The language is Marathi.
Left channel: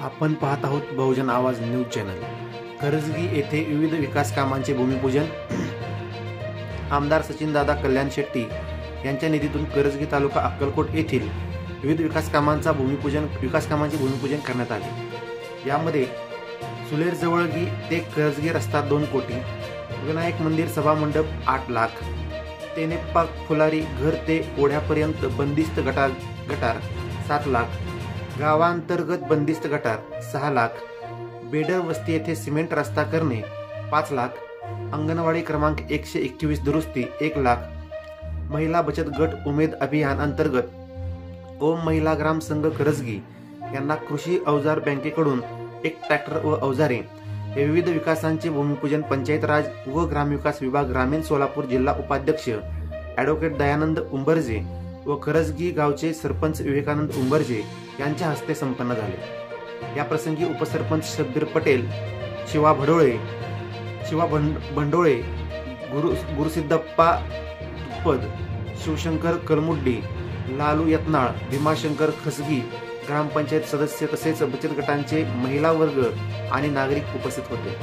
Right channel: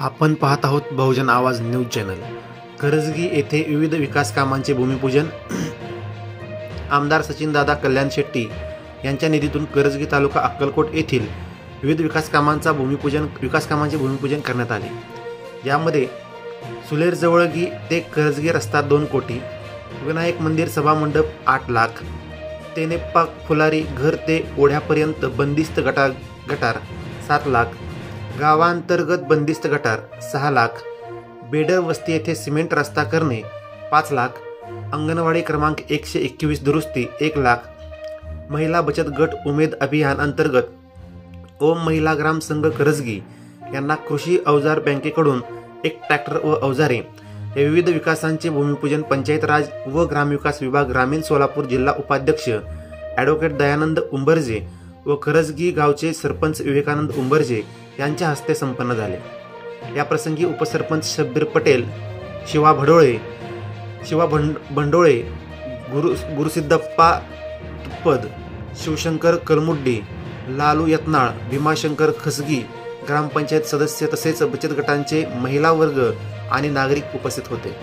आपण पाहत आहोत बहुजन आवाज न्यूज चॅनल। करजगी येथे विविध विकास कामांचे भूमिपूजन। आमदार सचिनदादा कल्याण शेट्टी यांच्या निधीतून करजगी तालुका अक्कलकोट येथील विविध विकास कामांचे भूमिपूजन करण्यात आले। यामध्ये सुलेर जवळगी ते करजगी रस्ता 2 कोटी, विनायक मंदिर सभा मंडप 8 लाख, तेनेप्पा फुलारी घर ते ओढ्यापर्यंत बंदिस्त गटार 7 लाख, गावांतर्गत बंदिस्त गटार 6 लाख, बेडर वस्ती येथे सिमेंट रस्ता करणे 5 लाख, अंगणवाडी क्रमांक 121 दुरुस्ती 1 लाख, महिला बचत गट उमेद अभियान अंतर्गत ओम महिला ग्राम संघ करजगी यांना कृषी अवजार बँकेकडून 1 ट्रॅक्टर व अवजारे या विविध विकासांचे भूमिपूजन पंचायत राज व ग्रामविकास विभाग ग्रामीण सोलापूर जिल्हा उपाध्यक्ष ॲडव्होकेट दयानंद उंबरजे व करजगी गावचे सरपंच विवेकानंद उंबरजे यांच्या हस्ते संपन्न झाले। या प्रसंगी उपसरपंच शब्बीर पटेल, शिवा भंडोळे, गुरुसिद्धप्पा तुप्पद, शिवशंकर कलमुड्डी, लालू यत्नाळ, भीमाशंकर खसगी, ग्रामपंचायत सदस्य तसेच बचत गटांचे महिला वर्ग आणि नागरिक उपस्थित होते।